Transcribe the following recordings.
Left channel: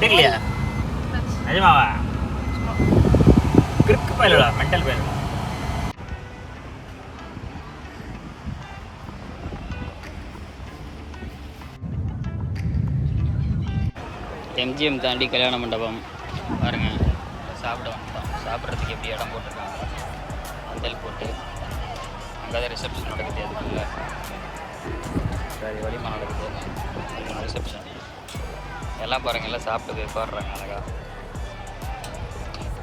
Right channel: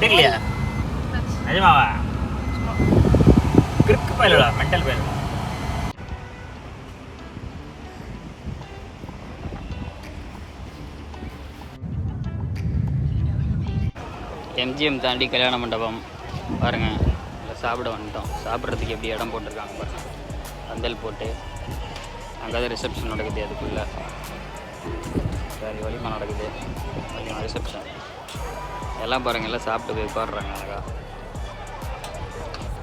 எடுக்கலையா நிஜமாவா கிறுக்கு பயலடா mental பயலடா MGM தாண்டி கல்யாண மண்டபம் பாருங்கள் சாப்பிட வந்துட்டோம். சாப்பிட்றதுக்கு எப்படி இடம் போட்டிருக்காங்க பந்தல் போட்டு அங்கே ரிசப்ஷன் நடக்குது இல்லை ரிசப்ஷன் எல்லாம் பாருங்கள் எல்லாம் சாப்பிட்டு உட்காடுறாங்க.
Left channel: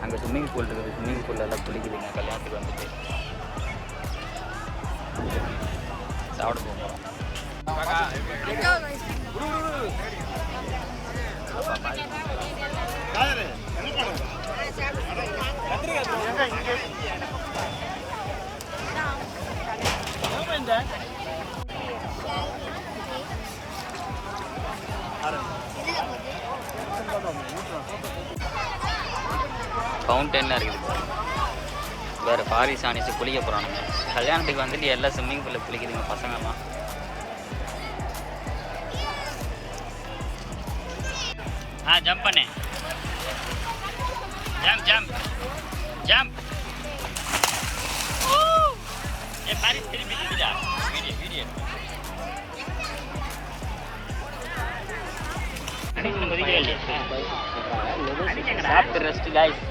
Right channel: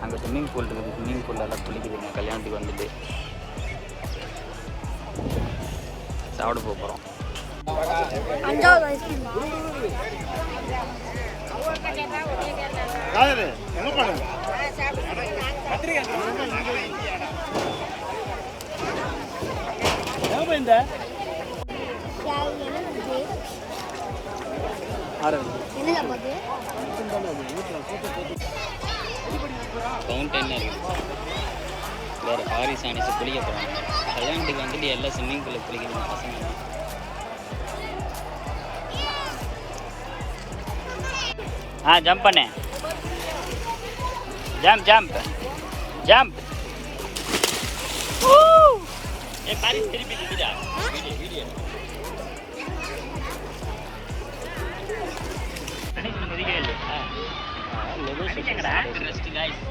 அங்கே ஸ்விம்மிங் பூல் இருக்குது. ஸ்விம்மிங் பூல் எல்லாம் குளிக்குதுங்க. கல்யாணத்துக்கு வந்துட்டு சாப்பிட போகிறோம். ஃபவுண்டன்லாம் இருக்குது. வேறு பாரிஸ் ஆனிச்சு குளிக்க போகிறாங்க. கல்யாணத்துக்கு வந்துட்டு எல்லாம் ஸ்விம்மிங் பூலில் குளிக்கிறீங்க பசங்கள்லாம். ஜம்ப் பண்ணு ஜம்ப் ஜம்ப் ஜம்ப் பாரிஸ் திருப்பி வீடியோ மதிக்கிறேன் இல்லையா சாப்பிட்டு ரெஸ்ட் காய்ஸ்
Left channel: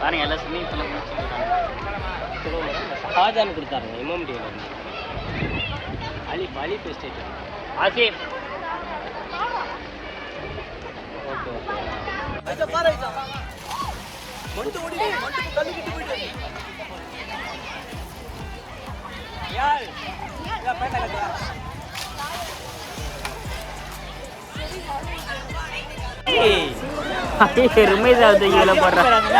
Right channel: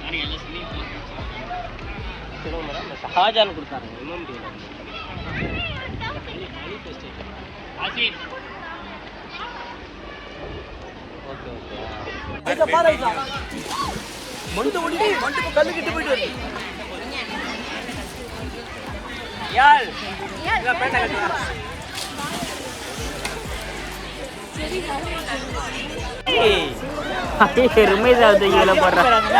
பாருங்க எல்லாம் ஸ்விம்மிங் பூலில் குளிச்சுருக்காங்க. ஷாஜான் கொடுத்தாருங்க இமாம் அலி அலி ஸ்டேட் ஆசிப் ஓகே ஓகே பாருங்க மொண்டு முடி மொண்டு கல்லு கிட்ட போயிடு யார் இத பேட்ட கட்டா ஏய் ருமேஷ் ஆவது இவல போறாங்க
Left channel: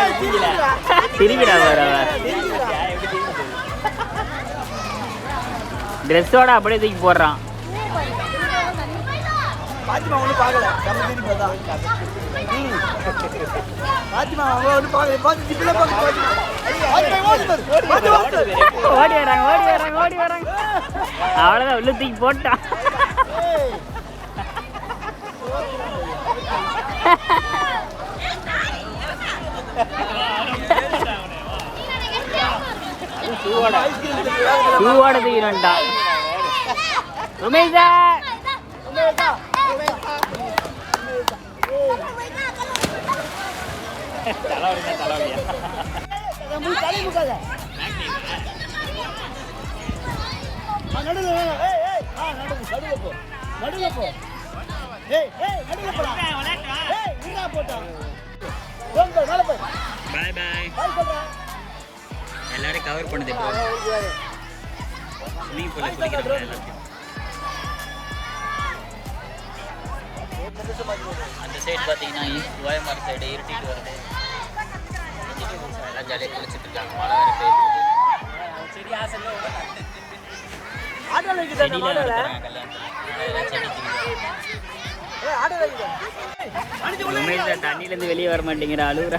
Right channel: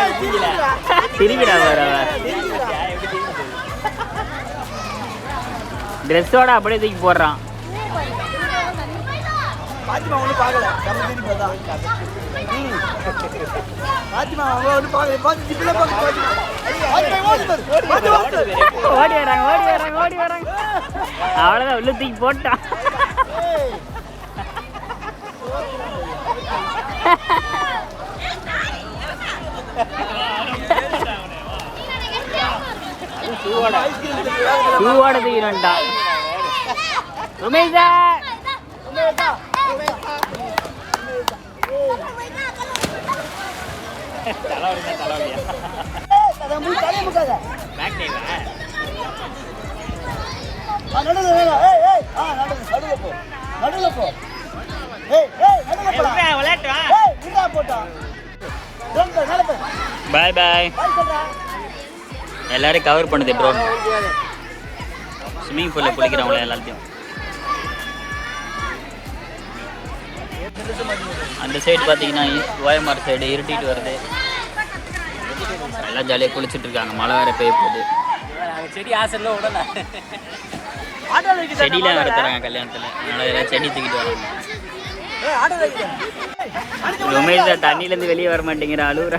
திருவிடா வரவ ட்ரெஸ்ஸோட அப்படியே தூக்கி போடுறான். பாத்திமா ஒண்ணு பார்க்கல நம்ம திருப்பி பார்த்தா பாத்திமா ஒண்ணு பார்க்கல பாத்தி ஜிப்ல பார்க்க ஓடி வராங்க அவ்வளவுதான் உள்ள தூக்கி போட்டான். ஷூவோட தூக்கிடா ருமேஷா பாய் பாய். எல்லாரும் கவர் பண்ணுது ட்ரோன். ஸ்விம்மிங் பூலில் குளிக்கிறவங்கள எல்லாத்தையும். அந்த சைடு பார்த்தீங்கன்னா ஓயமார் சைடு இருட்டிட்டு வருது. எல்லாம் ஜாலியாக குளிச்சுட்டு இருக்காங்க. மழை வேற பெய்ய போகுது. செடியெலாம் வேற தராங்க கல்யாணத்தில். அதனால எல்லாம் செடி தூக்கிட்டு வராங்க. உமேஷ் தண்ணியிலேருந்து வெளியே வர மாட்டேங்கிற அழுகுற.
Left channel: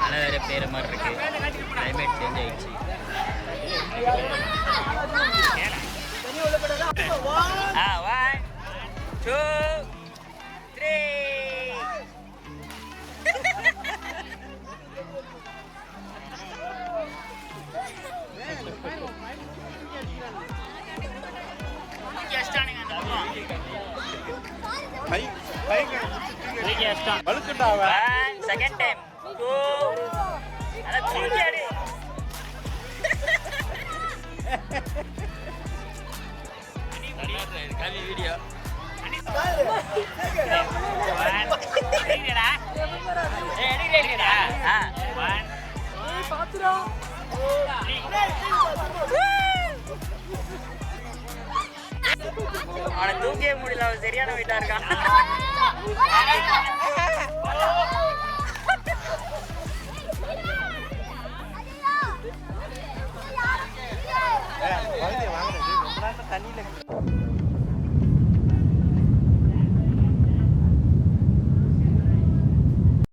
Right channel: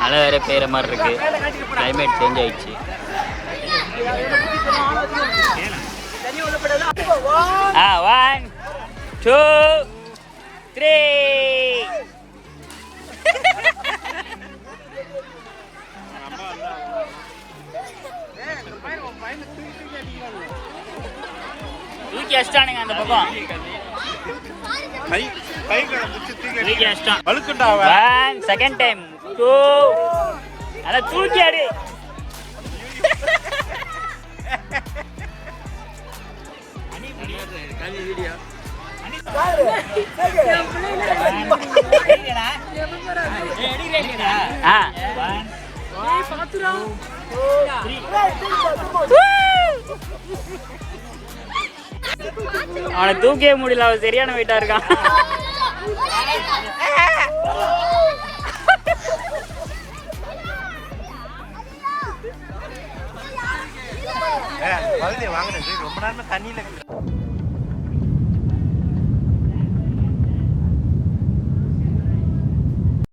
மழை வேற பெய்கிற மாதிரி இருக்கு. கிளைமேட் சேஞ்ச் ஆயிடுச்சு. ஒன் டூ த்ரீ தூக்கி அடிச்சிட்டானுங்க அந்த பக்கம். தூக்கி அடிச்சிட்டான். ஒன் செகண்ட் டைம் டூ அத தூக்கி அடி. அவனை தூக்கவே முடியல. அவன் சரியான வெயிட்டா இருக்கான்.